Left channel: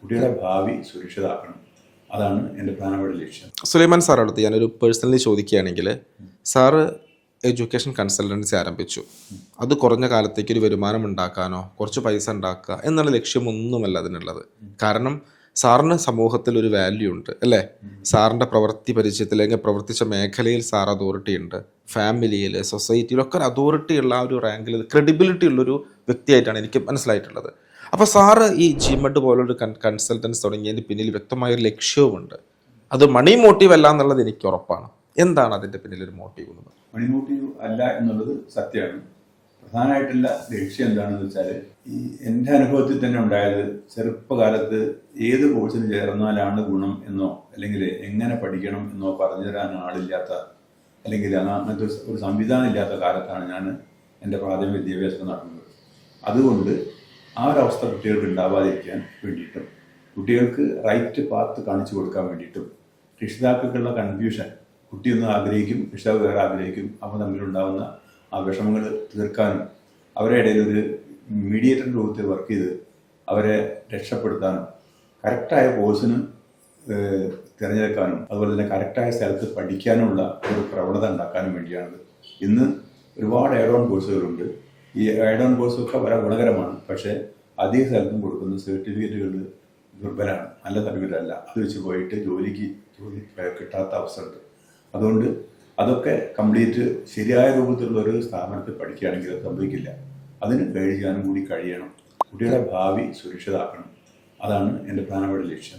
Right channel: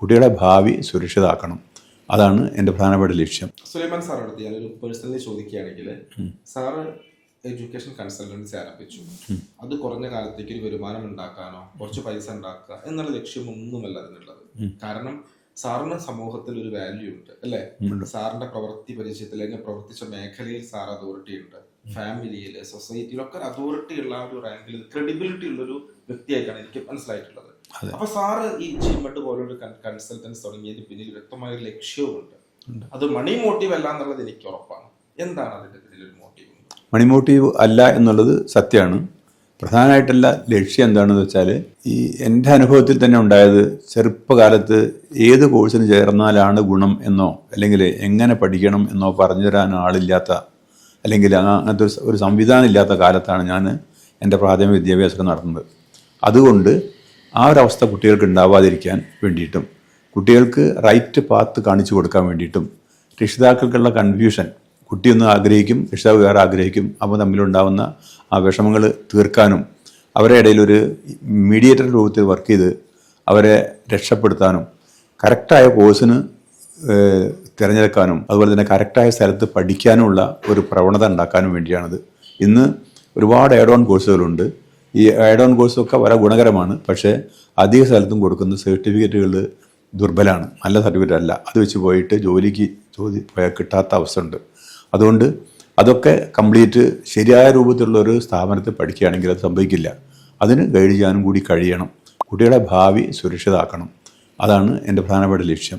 കുട്ടിയുടെ ഭാവി സുരക്ഷിതമാക്കണം. അതാണ് എൻ്റെ പ്രധാനപ്പെട്ട ലക്ഷ്യം. സുലൈമാൻ സാർ അടുത്ത് ഞാനൊരു പേഴ്സണലി ചോദിക്കുകയാണെങ്കിൽ, സാറ് എഡ്യൂക്കേഷൻ കൺസൾട്ടൻസി ആരംഭിച്ചു. അത് കുറഞ്ഞ കാലത്തേക്ക് ഒരു വരുമാനം ഉണ്ടാക്കാനോ കുറച്ച് പൈസ ഉണ്ടാക്കുക എന്നുള്ള ലക്ഷ്യമൊന്നുമല്ല അതിനുള്ളത്. കാരണം സാറിന് സമൂഹത്തിൽ ഒരു വാല്യൂ ഉണ്ട് അല്ലേ? സാറിൻ്റെ പ്രവൃത്തി പരിചയത്തിൽ അല്ലെങ്കിൽ പ്രവർത്തിച്ച മേഖലയിൽ സാർ അതോറിറ്റി ഉണ്ട്. ഫാമിലിയിൽ, സൊസൈറ്റിയിലൊക്കെ ഒരു അതോറിറ്റി ഉള്ള ആ ഒരു റാങ്കിൽ ക്രെഡിബിലിറ്റി ഉള്ളൊരു വ്യക്തിയായിട്ടാണ് എനിക്ക് മനസ്സിലായിട്ടുള്ളത്. അപ്പോൾ സാറ് ഈ ജിമെഡ് പോലൊരു കൺസൾട്ടൻസ് തുടങ്ങിയതിന് പിന്നിൽ വ്യക്തമായൊരു ലക്ഷ്യവുമുണ്ട്. അത് മണി മോട്ടീവ് അല്ല എന്നുള്ളത് എനിക്ക് ഉറപ്പാണ്. എന്താണ് അതിൻ്റെ പിന്നിലൊരു മോട്ടീവ്? മണി മോട്ടീവ് അല്ല എന്നുള്ളത് സത്യമാണ്. പ്രധാനമായിട്ടുള്ള ലക്ഷ്യം എന്താണെന്ന് വെച്ചാൽ, ഈ എൻ്റെ അനുഭവത്തിൽ തന്നെ ഉണ്ടായത്, ചെറുപ്പകാലത്ത് ഏത് കോഴ്സിന് ചേർന്നാലാണ് ഗുണം എന്നോ അല്ലെങ്കിൽ എങ്ങനെ പഠിക്കണം എന്നോ പറഞ്ഞു തരാൻ ആളില്ലാത്ത അല്ലെങ്കിൽ അങ്ങനത്തെ ഒരു സംവിധാനം ഇല്ലാത്ത കാലത്താണ് ഞാൻ എൻ്റെ പ്രാഥമിക വിദ്യാഭ്യാസം നടത്തുന്നത്. അതുകൊണ്ട് ആ ഒരവസ്ഥ കുട്ടികൾക്ക് ഉണ്ടാവാതിരിക്കാൻ വേണ്ടിയിട്ടും കുട്ടികൾക്ക് റൈറ്റ് പാത്ത് കാണിച്ചു കൊടുക്കാൻ വേണ്ടിയിട്ടും രക്ഷിതാക്കൾക്കുള്ള കൺഫ്യൂഷൻ, കുട്ടിയൊന്ന് ആഗ്രഹിക്കും, രക്ഷിതാവ് വേറെ ആഗ്രഹിക്കും, അപ്പോൾ തമ്മിലുണ്ടാവുന്ന ആ വിഷമങ്ങൾ തീർക്കാനും അവരുടെ ഇടയിൽ ഒരു മീഡിയേറ്റർ രൂപത്തിൽ വർക്ക് ചെയ്ത് അവരെ രക്ഷപ്പെടുത്താനും കറക്റ്റായ കോഴ്സിന് തിരഞ്ഞെടുക്കാനും അതുപോലെ തന്നെ കറക്റ്റായ സ്ഥലത്ത് പഠിക്കാനുമുള്ള ഒരു പ്രവണത ഉണ്ടാക്കാനും വേണ്ടിയാണിത്. ഇന്ന് ഒരുപാട് ആഡ് ഓൺ കോഴ്സുകളുണ്ട്. ഈ ആഡ് ഓൺ കോഴ്സൊക്കെ വളരെ ഗുണകരമാണ്. പക്ഷേ അധിക സ്ഥലത്തും കൊടുക്കുന്ന സർട്ടിഫിക്കറ്റുകൾ ദുർബലമാണ്, നല്ല സർട്ടിഫിക്കറ്റ് അല്ല. അത് വെച്ച് പോയിട്ട് ജോലിക്ക് കിട്ടാത്ത അവസ്ഥ ഉണ്ട്. അതുകൊണ്ട് അതൊക്കെ കംപ്ലീറ്റ് ശരിയായ രൂപത്തിലുള്ള ഒരു സ്ഥാപനത്തിൽ പഠിക്കുകയാണെങ്കിൽ അത് സംഭവിക്കില്ല. അതിന് ഗൈഡ് ചെയ്യാനും കൂടി കഴിയണം. കുട്ടിയുടെ ഭാവി സുരക്ഷിതമാക്കണം. അതാണ് എൻ്റെ പ്രധാനപ്പെട്ട ലക്ഷ്യം.